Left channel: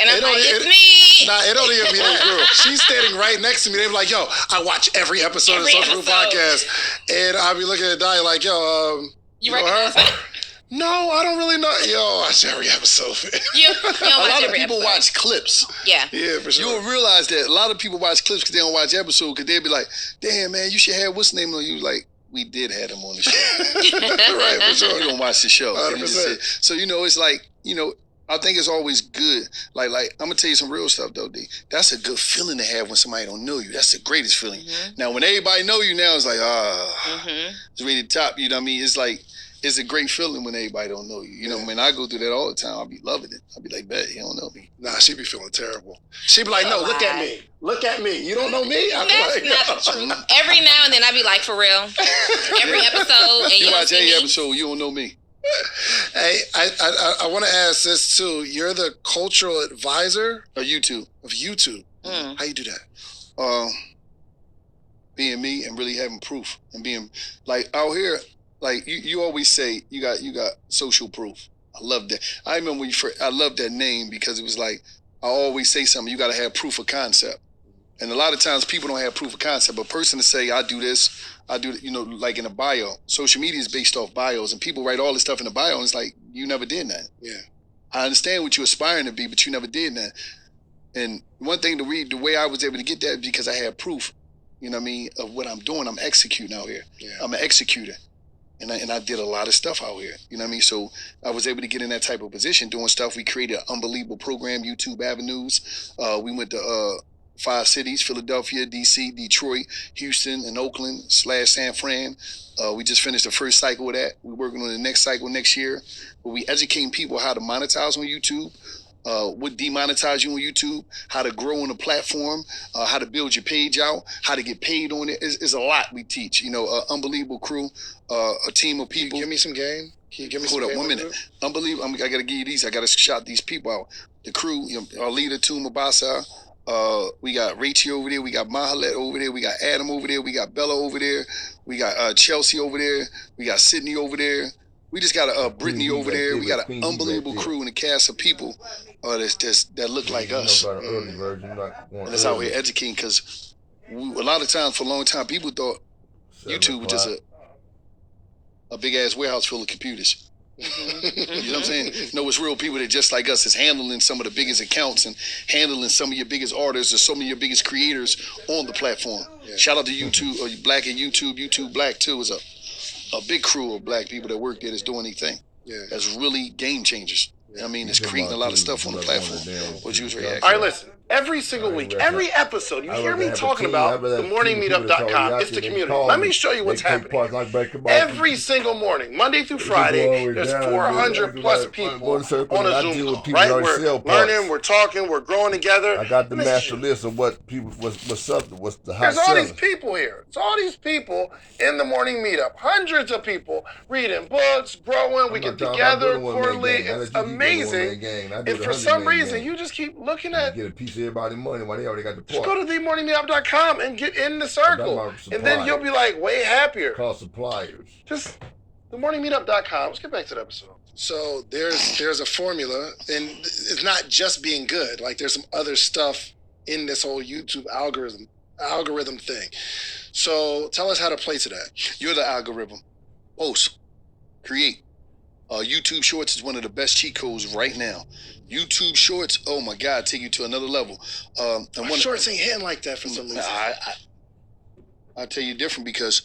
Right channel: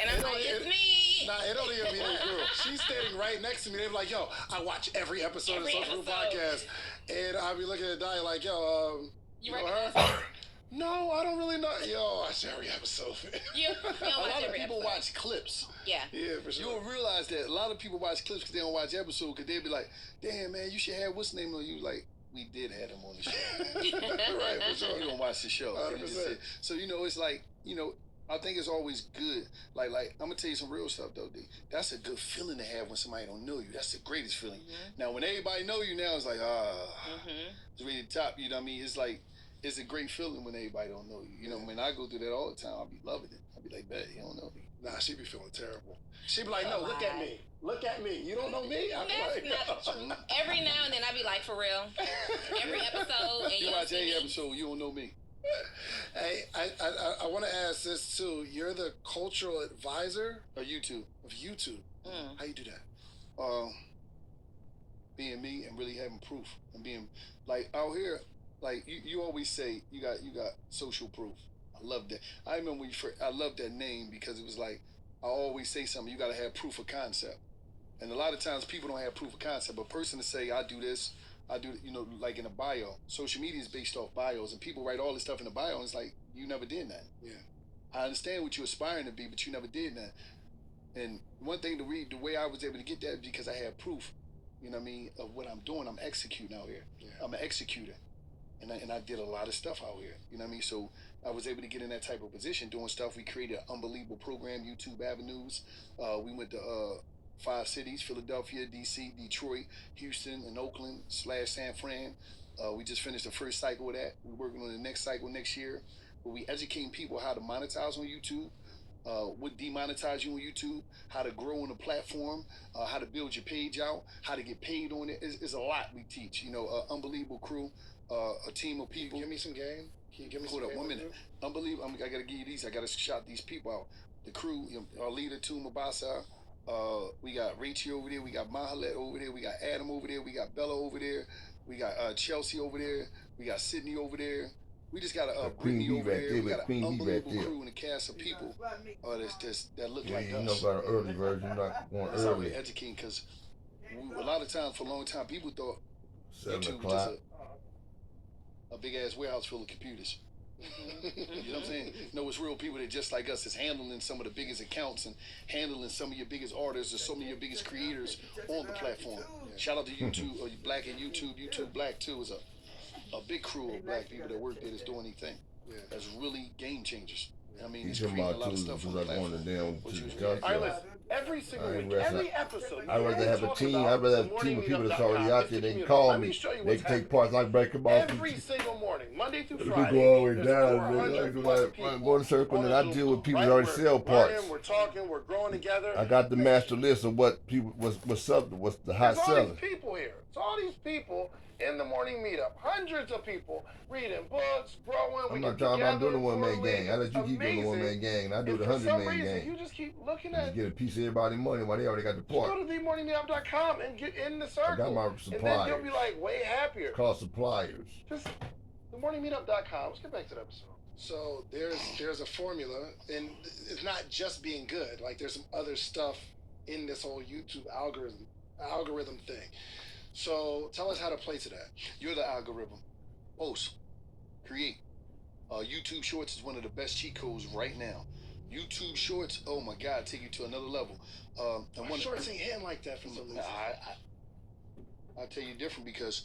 And I'm like, it's me. Nah, it don't even be that girl. She's standing right next to me. They be like, yo, I watch every episode of the Social Proof Podcast. And I'll be looking at Dahlia like, yo, you recognize her? No, I don't really know. Yo, I watch every episode. You a lot of people watch clips. Yeah. Yeah, for sure. You will realize that a lot of people watch clips because they don't watch episodes because they'll be like, damn, man, you should have what's the name on you? Like, we did have him on the show. Right, for sure. You don't watch the show. 100%. So, it's like, I think it's always good. Like I'm gonna tell you some real stuff though, D. That's a good feeling to have when somebody don't know you. That's the greatest feeling. Mm-hmm. Now, when everybody know you now, it's like, mm-hmm. it's really top. You know what I mean? It's like, it's a great feeling when everybody don't know you. You know, when I go through that all the time, I'll be loving it. I'll be like, bet, you don't know me. Nah, she be feeling terrible. She be like, no, look at me. Look at me. You don't know me? I'm That's like, not true. Every now and then I be like, for real. Every episode. And You you watch every me. episode, you don't know me. Hey, I want to ask this too. You're the cultural advisor Or YouTube. of YouTube. How you do that? Being me and really having proof and being like out here, like you always say you got social proof. I love that. I remember when I love that name because it was like I always say something. You got to have proof of concept, and a lot of times people don't have proof of concept. But a person to say I do this, I do, like in a bio. Social media is based off bios, and people write all this stuff in the bio, and it's like you never did that. Yeah, I understand what you're aspiring to be, but you never did that. And one thing to read, the way I was able to get that is because I had proof. You know what I mean, of what I'm doing. I'm executing out here. Yeah. I'm an executor. And I did a lot of stuff out here. You know what I mean? So I was able to get in that type of position doing stuff. We created an unbelievable program, YouTube Avenues. We went to 5 cities, Philadelphia, DC, Detroit, Houston, and Oakland / San Fran. We just finished the first cycle of that. We're working on the next cycle next year. But we educating people how to monetize on YouTube. What demonetize you on YouTube, how to grow on the platform, how to build your page out, how to get paid on it. It's a lot we teach. Unbelievable crew, a team of people. Give me some game. Can you give me Hold some up, game? 1 minute. Unbelievable. I got to give you these. I got to shout these people out. The crew, our leader, Tuma Basa. We got Rachel over there. We got Mahalet over there. We got Adam over there. We got Bella over there. We got Chelsea over there. We got Sydney over there. We just got Brittany over there. We got an unbelievable crew and a cast of people that look like us. And that's how we're educating because a lot of times, for a long time, people thought YouTube was just a big-ass warehouse full of computers. You know what I'm saying? No, it's real people that just like us is handling some of the biggest accounts and handling some of your biggest artists or some of your biggest creators on the platform. Yeah. Shout out to YouTube, or Black and YouTube Black too is a big crew of black people that work there that's doing anything. Yeah. That's really game changers. Yeah. I mean, it's creating a lot of stuff on the platform. What you was reacting. All right, listen. Every single week, every episode, you hear me talking about the morningmeetup.com. It's the community. Let me show you what's happening. Every single morning, Monday through Friday, there's 400 plus people on a Zoom call, right? We're learning, we're talking, we're growing together. I got the master list of what people, what's up, what's the hot There's all these people here. It's all these people in the morning meetup. Hundreds of people reading books, growing. We get together quarterly. It's amazing. And for some reason, you just keep looking at get a piece of everybody's money while they already got the part. Just go to themorningmeetup.com and get in the circle. And then you'll be like way happier. Call suppliers. Just themorningmeetup.com. Let's get back to the episode. So there's a formula, and it's not just being good. Like there's some other stuff in this whole YouTube algorithm thing. So tell us how to play to that. You're the algorithm. Post, create. YouTube Shorts is one of the best cheat codes right now. YouTube Shorts, oh my God, take you to another level. Shorts ain't hitting like that for some reason. I'll tell you different because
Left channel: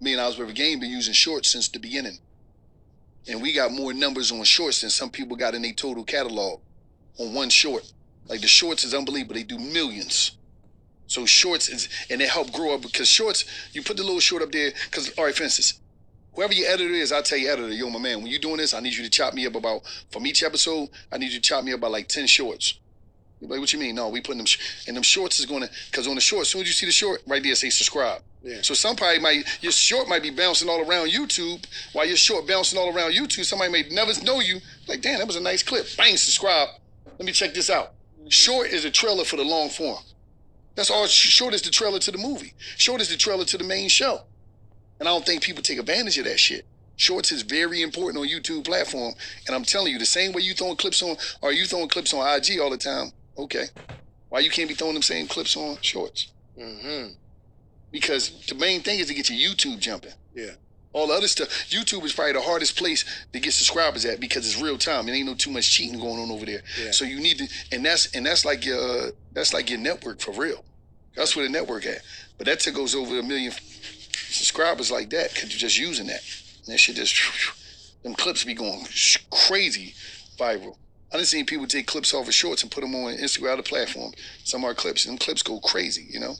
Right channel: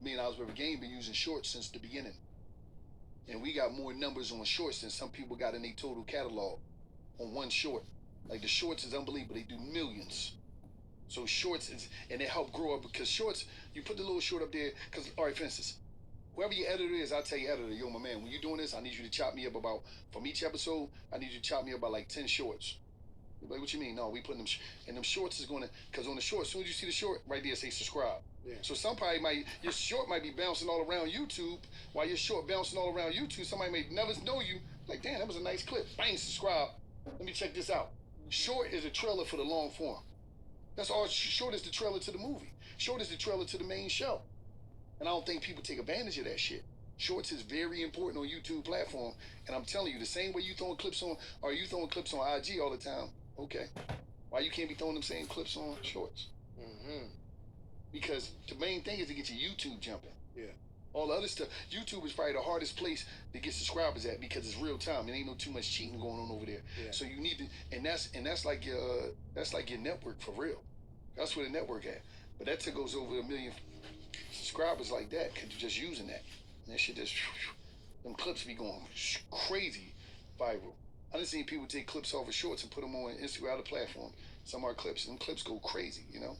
me and Oswald Game been using Shorts since the beginning. And we got more numbers on Shorts than some people got in their total catalog on one short. Like the Shorts is unbelievable. They do millions. So Shorts is, and it helped grow up because Shorts, you put the little short up there, because, all right, for instance, whoever your editor is, I'll tell your editor, yo, my man, when you're doing this, I need you to chop me up about, from each episode, I need you to chop me up about like 10 shorts. You're like, what you mean? No, we putting them, and them shorts is going to, because on the short, as soon as you see the short, right there, say subscribe. Yeah. So somebody your short might be bouncing all around YouTube, while your short bouncing all around YouTube, somebody may never know you, like, damn, that was a nice clip. Bang, subscribe. Let me check this out. Short is a trailer for the long form. That's all. Short is the trailer to the movie. Short is the trailer to the main show. And I don't think people take advantage of that shit. Shorts is very important on YouTube platform, and I'm telling you, the same way you throwing clips on, or you throwing clips on IG all the time. Okay, why you can't be throwing them same clips on Shorts? Mm-hmm. Because the main thing is to get your YouTube jumping. Yeah. All the other stuff, YouTube is probably the hardest place to get subscribers at because it's real time. It ain't no too much cheating going on over there. Yeah. So you need to, and that's like your network for real. That's where the network at. But that goes over 1 million subscribers like that because you're just using that. And that shit just, them clips be going crazy viral. I done seen people take clips off of Shorts and put them on Instagram, other platform. Some of our clips, and them clips go crazy, you know?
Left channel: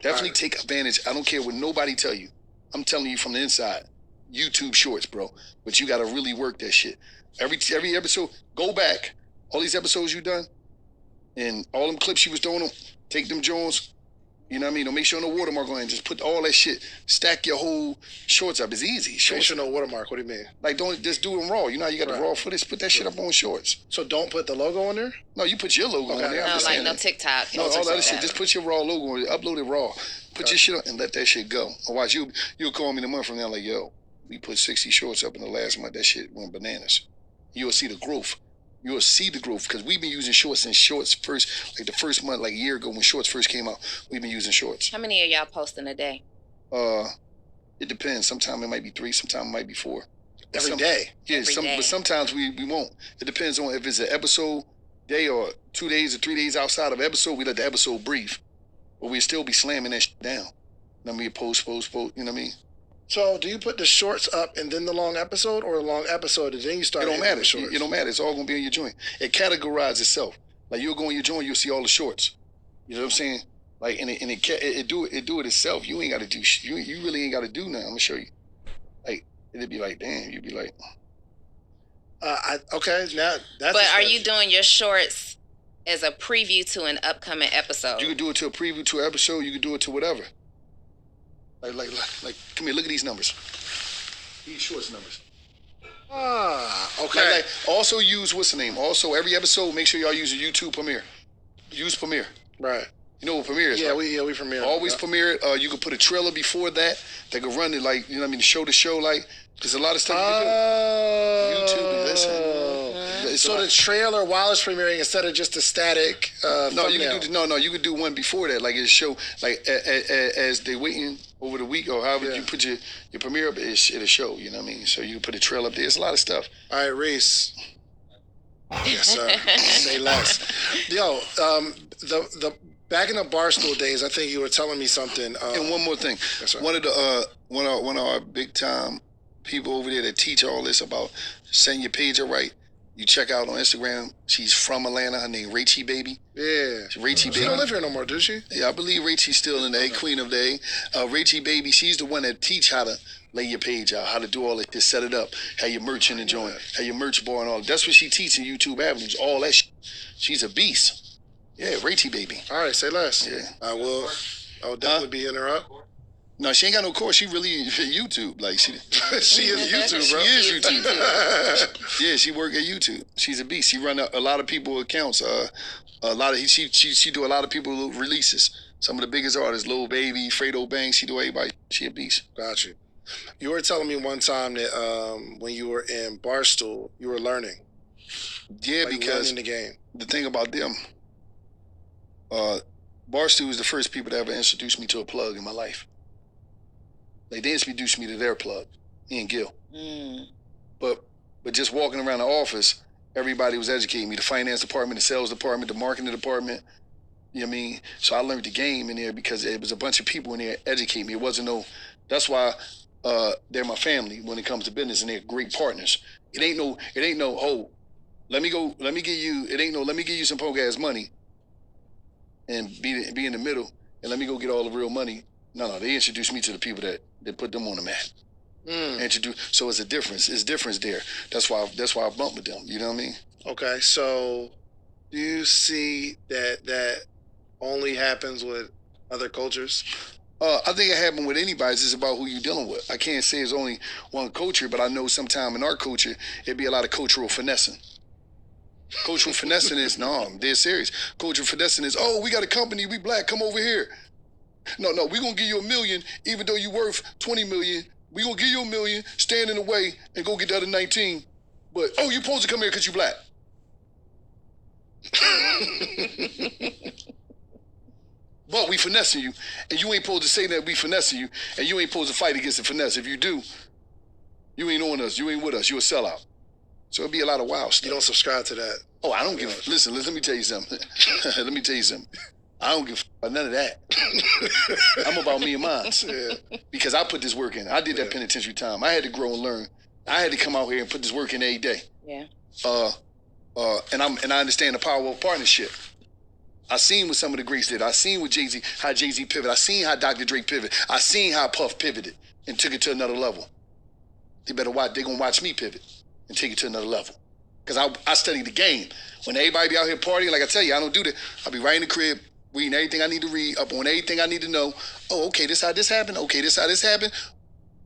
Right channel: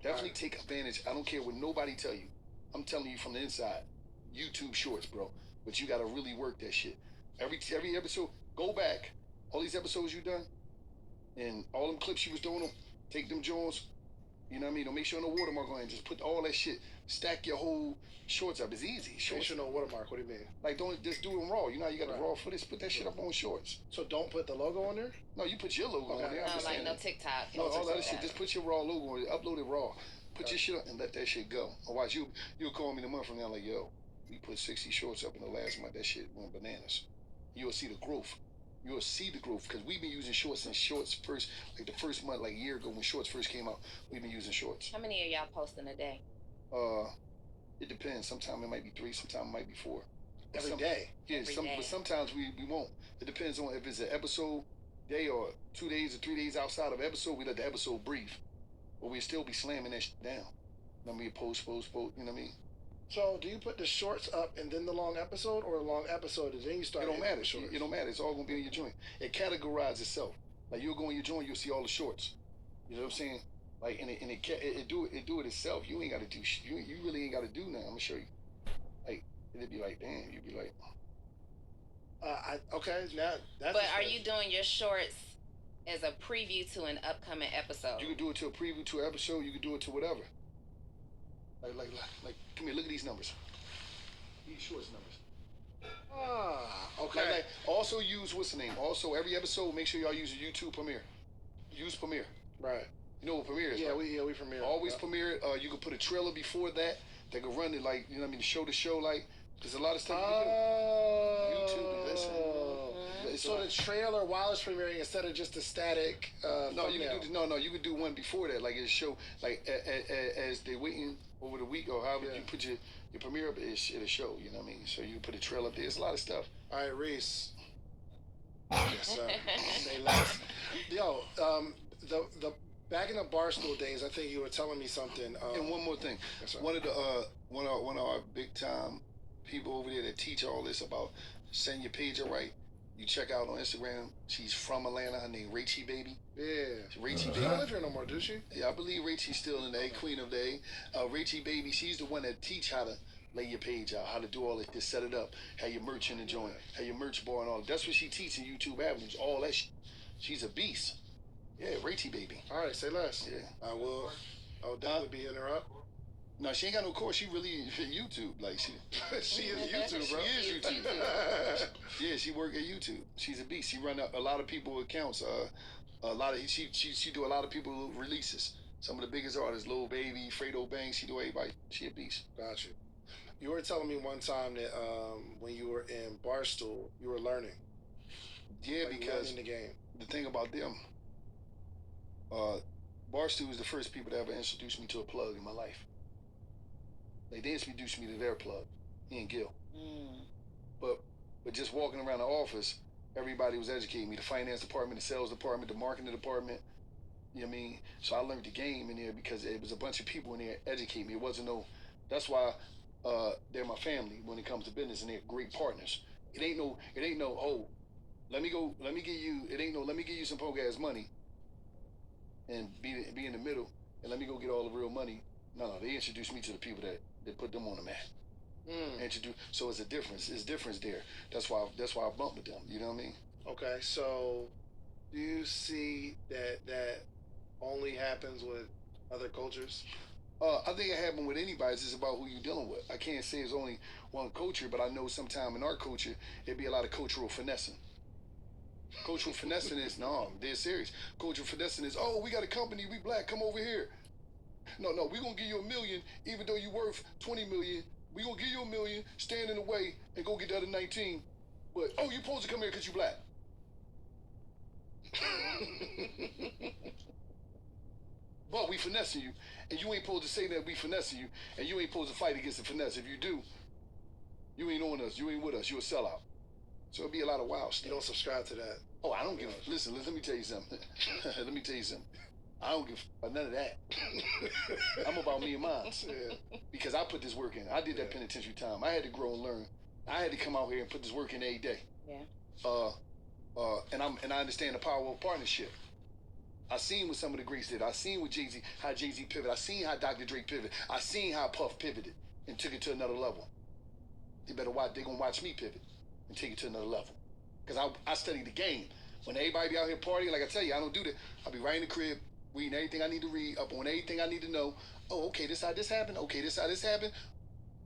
Definitely take advantage. I don't care what nobody tell you. I'm telling you from the inside. YouTube Shorts, bro. But you gotta really work that shit. Every episode, go back. All these episodes you done, and all them clips you was doing them, take them Jones, you know what I mean? Don't make sure no watermark on it. Just put all that shit, stack your whole Shorts up. It's easy. Make Shorts, sure no watermark. What do you mean? like don't just do them raw. You know how you got the raw footage? Put that shit up on Shorts. So don't put the logo on there? No, you put your logo on there. I'm No, just like saying no that. TikTok. No, all that other shit. Just put your raw logo on it. Upload it raw. Put your shit on and let that shit go. Otherwise, you'll call me in a month from now like, yo, we put 60 Shorts up in the last month. That shit went bananas. You'll see the growth. You'll see the growth because we've been using Shorts since Shorts first, like the first month, like a year ago when Shorts first came out. We've been using Shorts. How many of y'all posting a day? It depends. Sometimes it might be 3. Sometimes it might be 4. Every day? Yeah, Every day. But sometimes we won't. It depends on if it's an episode day or 2 days or 3 days outside of episode. We let the episode breathe, but we still be slamming that shit down. You know what I mean? Post. You know what I mean? So do you put the Shorts up and then the long episode, or the long episode and then you start? It don't matter. The Shorts? It don't matter. It's all gonna be on your joint. It categorizes itself. Like you'll go on your joint, you'll see all the Shorts. You know what I'm saying? Like it do it itself. You ain't got to do. You really ain't got to do nothing. I'm gonna show you. Like it'd be like, damn. You'd be like, okay, now that's. But are you doing your Shorts as a preview to an upcoming episode? you could do it to a preview to an episode. You could do it to whatever. Like, come here. Look at these numbers. These Shorts numbers. Okay. Like, also use what's the name? Also, every episode, make sure y'all use a YouTube Premiere. Use Premiere. Right. You know what Premiere is? Yeah, right? we Premiere. Always Premiere it. You can put a trailer before that. They can run it like, you know what I mean, show to show. Like, there's a lot of stuff you can do. YouTube, listen. So the trailer while it's premiering, instead of just a static No, you thumbnail. can do you can do one before that, like it show like as they waiting over the week or however you put your premiere up, it'll show. You know what I mean? So you can put a trail up there. It's a lot of stuff. All right, Reese. Yes, sir. Say less. Yo, the back in the Barstool days, I think you were telling me something. And one more thing, Yes, sir. one of our big time people over there that teach all this about setting your page up right. You check out on Instagram. She's from Atlanta. Her name Rachie Baby. Yeah. Rachie She Baby. don't live here no more, does she? Yeah, I believe Rachie's still in the A, Queen of the A. Rachie Baby, she's the one that teach how to lay your page out, how to do all that, to set it up, how your merch in the joint, how your merch bar and all. That's what she teaches in YouTube Avenues, all that shit. She's a beast. Yeah, Rachie Baby. All right, say less. Yeah. I will definitely be hitting her up. No, she ain't got no course. She really YouTube. Like she is YouTube, bro. She is YouTube. Yeah, she work at YouTube. She's a beast. She run a lot of people accounts. She do a lot of people releases. Some of the biggest artists, Lil Baby, Fredo Banks. She do everybody. She a beast. Got you. You were telling me one time that when you were in Barstool, you were learning. Yeah, like because learning the game. the thing about them, Barstool was the first people that ever introduced me to a plug in my life. They introduced me to their plug, Ian Gill. But just walking around the office, everybody was educating me. The finance department, the sales department, the marketing department. You know what I mean? So I learned the game in there because it was a bunch of people in there educating me. It wasn't that's why they're my family when it comes to business, and they're great partners. It ain't no, oh, let me give you some poke ass money and be in the middle and let me go get all the real money. No, they introduced me to the people that put them on the map. So it's a difference. It's difference there. That's why I bumped with them. You know what I mean? Okay, so do you see that only happens with other cultures? I think it happened with anybody. It's just about who you're dealing with. I can't say it's only one culture, but I know sometime in our culture, it'd be a lot of cultural finessing. Cultural finessing is, no, I'm dead serious. Cultural finessing is, oh, we got a company, we black, come over here. No, we're going to give you $1 million, even though you're worth $20 million, We gonna give you $1 million, stand in the way, and go get the other 19. But oh, you supposed to come here because you black. But we finessing you, and you ain't supposed to say that we finessing you, and you ain't supposed to fight against the finesse. If you do, you ain't on us. You ain't with us. You a sellout. So it'll be a lot of wild stuff. You don't subscribe to that. Oh, I don't give a... Listen, let me tell you something. Let me tell you something. I don't give a none of that. I'm about me and mine. Yeah. Because I put this work in. I did that penitentiary time. I had to grow and learn. I had to come out here and put this work in every day. Yeah. And I understand the power of partnership. I seen what some of the greats did. I seen what Jay-Z, how Jay-Z pivoted. I seen how Dr. Dre pivoted. I seen how Puff pivoted and took it to another level. They better watch. They gonna watch me pivot and take it to another level. Because I study the game. When everybody be out here partying, like I tell you, I don't do that. I'll be right in the crib, reading everything I need to read, up on everything I need to know. Oh, okay, this how this happened. Okay, this how this happened.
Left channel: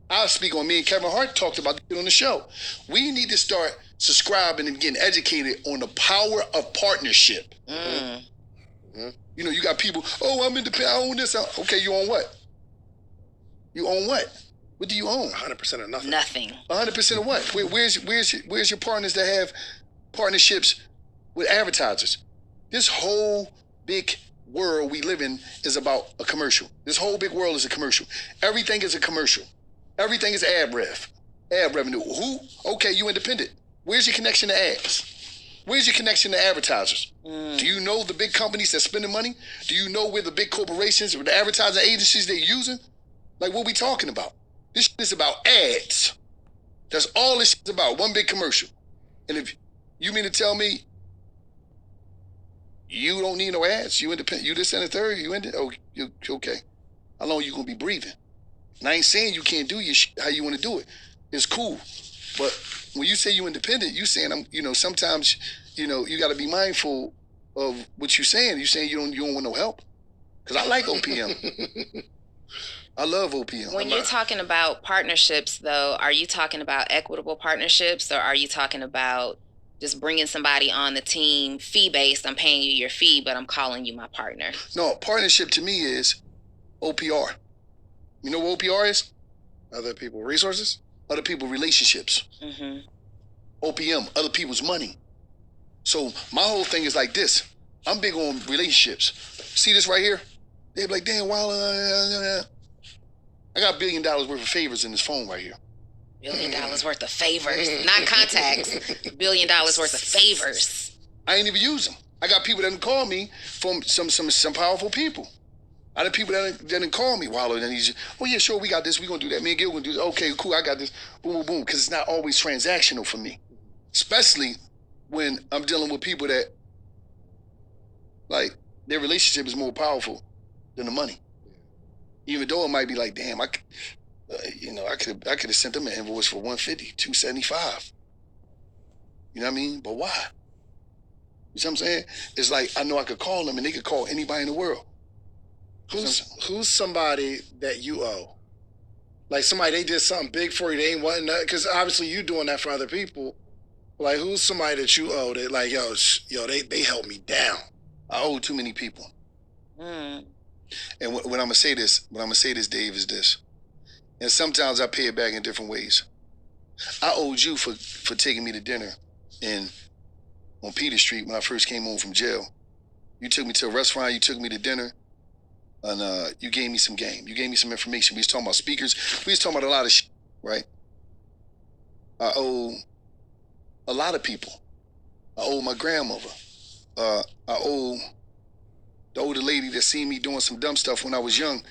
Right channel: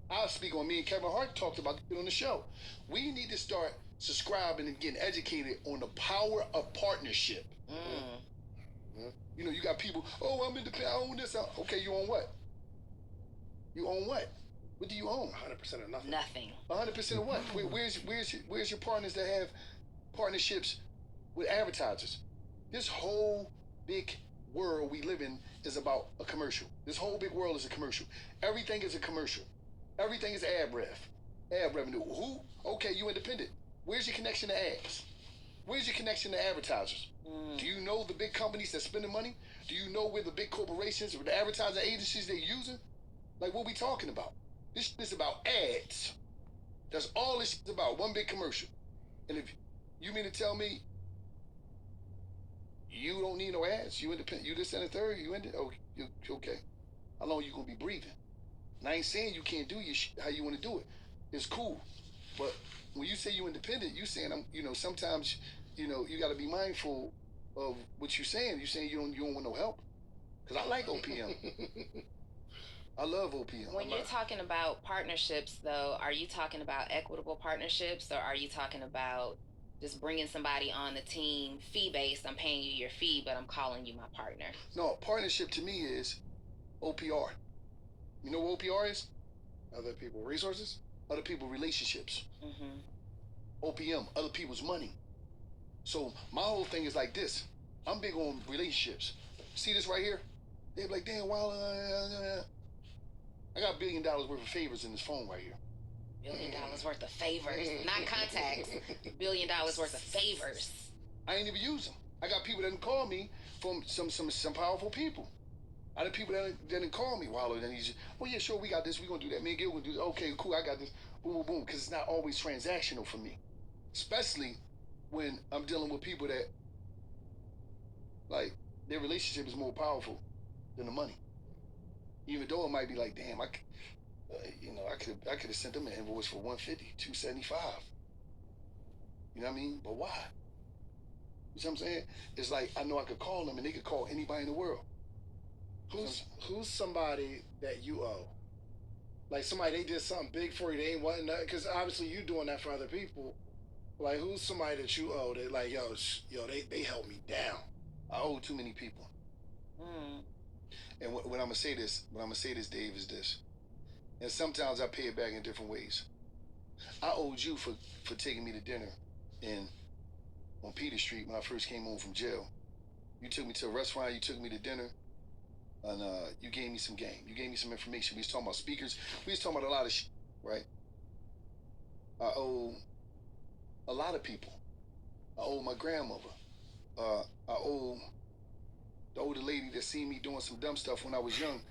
I'll speak on me and Kevin Hart talked about it on the show. We need to start subscribing and getting educated on the power of partnership. Mm. You know, you got people, oh, I'm independent, I own this. Okay, you own what? You own what? What do you own? 100% of nothing. Nothing. 100% of what? Where's your partners that have partnerships with advertisers? This whole big world we live in is about a commercial. This whole big world is a commercial. Everything is a commercial. Everything is ad revenue. Who? Okay, you independent. Where's your connection to ads? Where's your connection to advertisers? Do you know the big companies that spending money? Do you know where the big corporations or the advertising agencies they're using? Like, what we talking about? This shit is about ads. That's all this shit is about. One big commercial. And if you mean to tell me you don't need no ads, you independent, you this and the third, you okay. How long you gonna be breathing? And I ain't saying you can't do your shit how you want to do it. It's cool. But when you say you independent, you saying sometimes, you got to be mindful of what you're saying. You saying you don't want no help? Because I like OPM. I love OPM. When you're talking about partnerships, though, are you talking about equitable partnerships, or are you talking about just bringing somebody on the team fee-based? I'm paying you your fee, but I'm calling you my partner. No, partnership to me is OPR. You know what OPR is? Other people resources? Other people relationships. Mm-hmm. OPM, other people's money. So my whole thing is like this. I'm big on relationships. See this right here? They be like, damn, wow. I got $1 billion worth of favors in this phone right here. $1 billion worth of favors, not contacts. $1 billion worth of favors. I ain't even use them. I got people that call me from some powerful people. I had people that didn't call me, Wallow, and he's, oh yeah, sure, we got this, we gonna do that. Me and Gil gonna do this. Okay, cool, I got this. Boom, boom, boom. Because it's not always transactional for me, especially when I'm dealing with people that, like, their relationship is more powerful than the money. Even though it might be like, damn, I could have sent them an invoice for $150, $275. You know what I mean? But why? You see what I'm saying? It's like I know I could call them, and they could call anybody in the world. Who's somebody that you owe? Like somebody, they did something big for you, they ain't wanting that, because obviously you doing that for other people. Like, who's somebody that you owe that, like, they held me down? I owe too many people. Mm. And when I'm gonna say this, Dave, is this. And sometimes I pay it back in different ways. I owed you for taking me to dinner on Peter Street when I first came home from jail. You took me to a restaurant, you took me to dinner, and you gave me some game. You gave me some information. We was talking about speakers. We was talking about a lot of shit, right? I owe a lot of people. I owe my grandmother. I owe the older lady that seen me doing some dumb stuff when I was young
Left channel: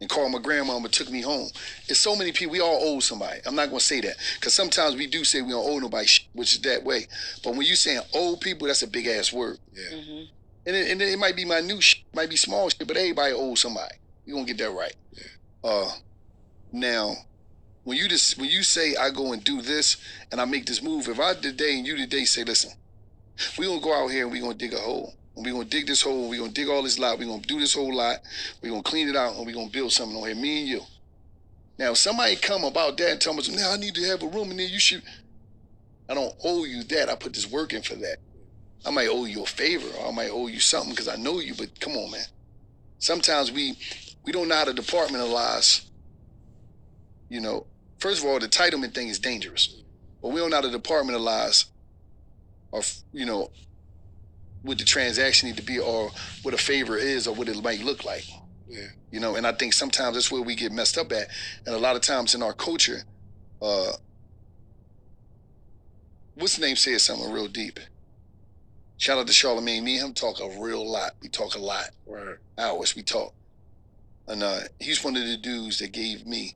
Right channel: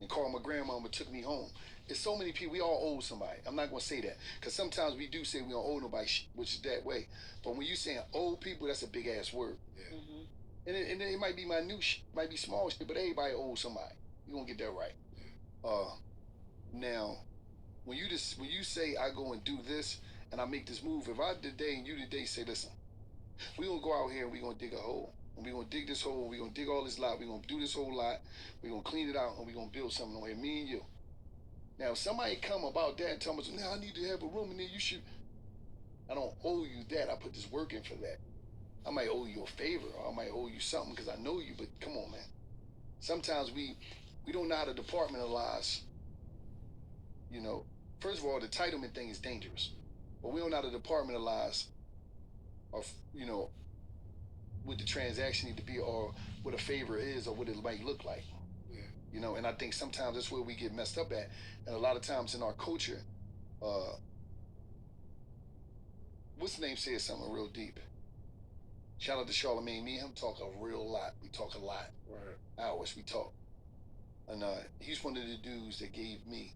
and called my grandma and took me home. It's so many people. We all owe somebody. I'm not going to say that because sometimes we do say we don't owe nobody shit, which is that way. But when you saying owe people, that's a big-ass word. Yeah. Mm-hmm. And it might be my new shit, might be small shit, but everybody owes somebody. You gonna get that right. Yeah. Now, when you say I go and do this and I make this move, if I today and you today say, listen, we gonna go out here and we gonna dig a hole. And we gonna dig this hole, we gonna dig all this lot, we gonna do this whole lot, we gonna clean it out, and we gonna build something on here, me and you. Now, if somebody come about that and tell me, now I need to have a room in there, you should. I don't owe you that. I put this work in for that. I might owe you a favor, or I might owe you something because I know you, but come on, man. Sometimes we don't know how to departmentalize, first of all, the entitlement thing is dangerous. But we don't know how to departmentalize or, what the transaction need to be or what a favor is or what it might look like. Yeah. And I think sometimes that's where we get messed up at. And a lot of times in our culture, what's the name said something real deep. Shout out to Charlamagne. Me and him talk a real lot. We talk a lot. Right. Hours we talk. And he's one of the dudes that gave me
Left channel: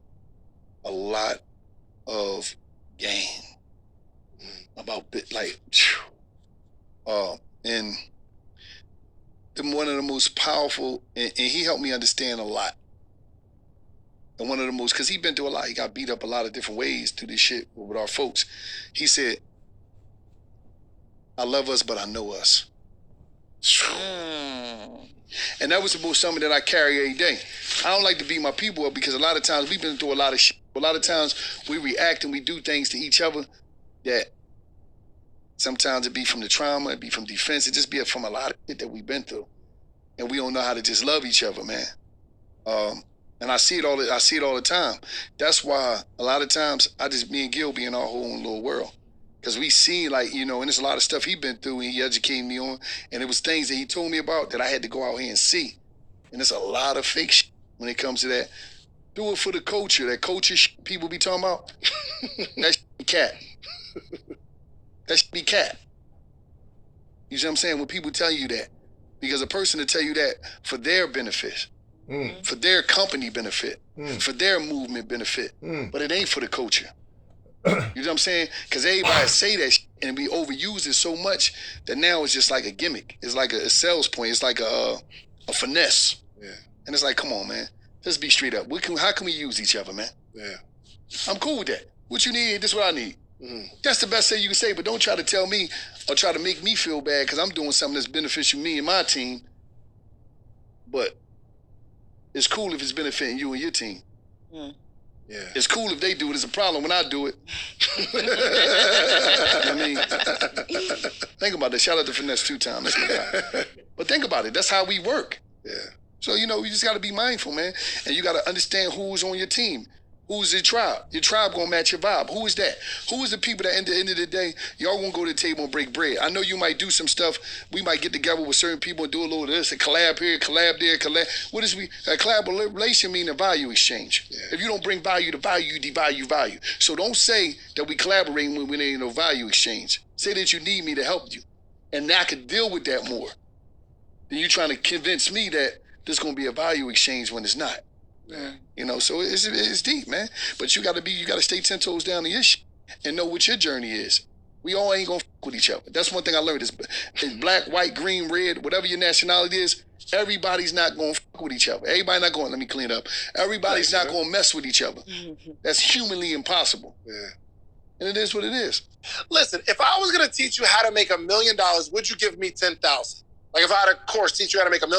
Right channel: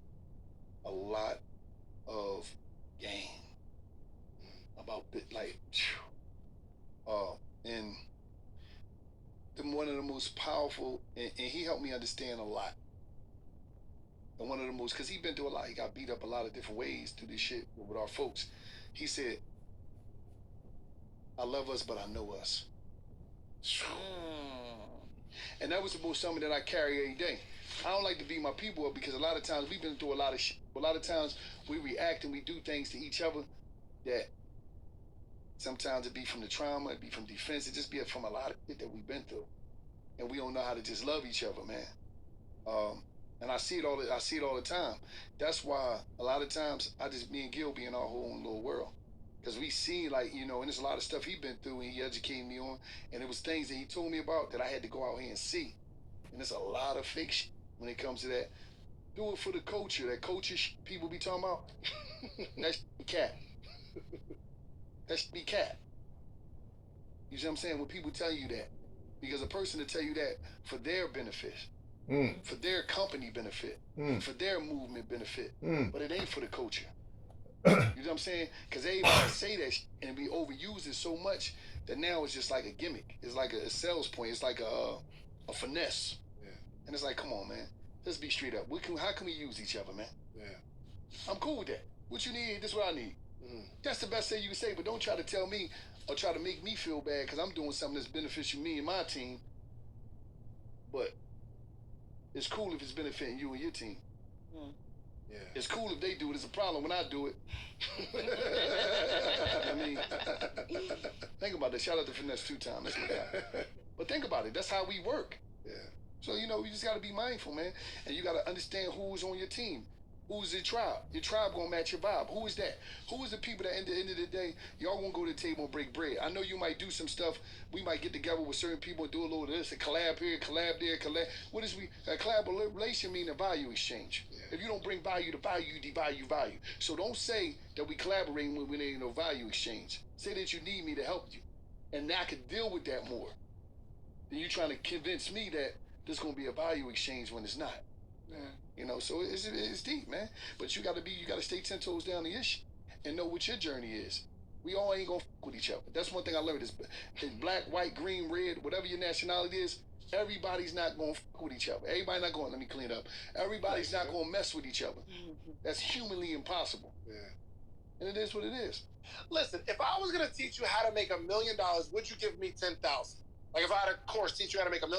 a lot of game about and one of the most powerful, and he helped me understand a lot. And one of the most, because he's been through a lot. He got beat up a lot of different ways through this shit with our folks. He said, I love us, but I know us. And that was about something that I carry every day. I don't like to beat my people up because a lot of times we've been through a lot of shit. A lot of times we react and we do things to each other that sometimes it be from the trauma, it be from defense, it just be from a lot of shit that we've been through. And we don't know how to just love each other, man. And I see it all the time. That's why a lot of times me and Gil be in our whole little world. Because we see and there's a lot of stuff he been through and he educated me on. And it was things that he told me about that I had to go out here and see. And there's a lot of fake shit when it comes to that. Do it for the culture. That culture people be talking about. That shit be cat. That shit be cat. You see what I'm saying? When people tell you that. Because a person to tell you that for their benefit, for their company benefit, for their movement benefit, but it ain't for the culture. You know what I'm saying? Because everybody say that shit and we overuse it so much that now it's just like a gimmick. It's like a sales point. It's like a finesse. Yeah. And it's like, come on, man. Let's be straight up. How can we use each other, man? Yeah. I'm cool with that. What you need, this is what I need. That's the best thing you can say, but don't try to tell me or try to make me feel bad because I'm doing something that's beneficial to me and my team. But it's cool if it's benefiting you and your team. Yeah. It's cool if they do it. It's a problem when I do it. I mean, think about that. Shout out to Finesse 2 times. But think about it. That's how we work. Yeah. So, you just got to be mindful, man. And you got to understand who's on your team. Who's your tribe? Your tribe going to match your vibe. Who is that? Who is the people that at the end of the day, y'all won't go to the table and break bread? I know you might do some stuff. We might get together with certain people and do a little of this, a collab here, collab there, collab. What is a collaboration mean? A value exchange. Yeah. If you don't bring value to value, you devalue value. So don't say that we collaborating when there ain't no value exchange. Say that you need me to help you. And I could deal with that more. Then you trying to convince me that there's going to be a value exchange when it's not. Yeah. So it's deep, man. But you got to stay 10 toes down to your shit and know what your journey is. We all ain't gonna fuck with each other. That's one thing I learned is black, white, green, red, whatever your nationality is, everybody's not gonna fuck with each other. Everybody not going, let me clean up. Everybody's not gonna mess with each other. That's humanly impossible. Yeah. And it is what it is. Listen, if I was gonna teach you how to make $1 million, would you give me 10,000? Like if I had a course teach you how to make $1 million?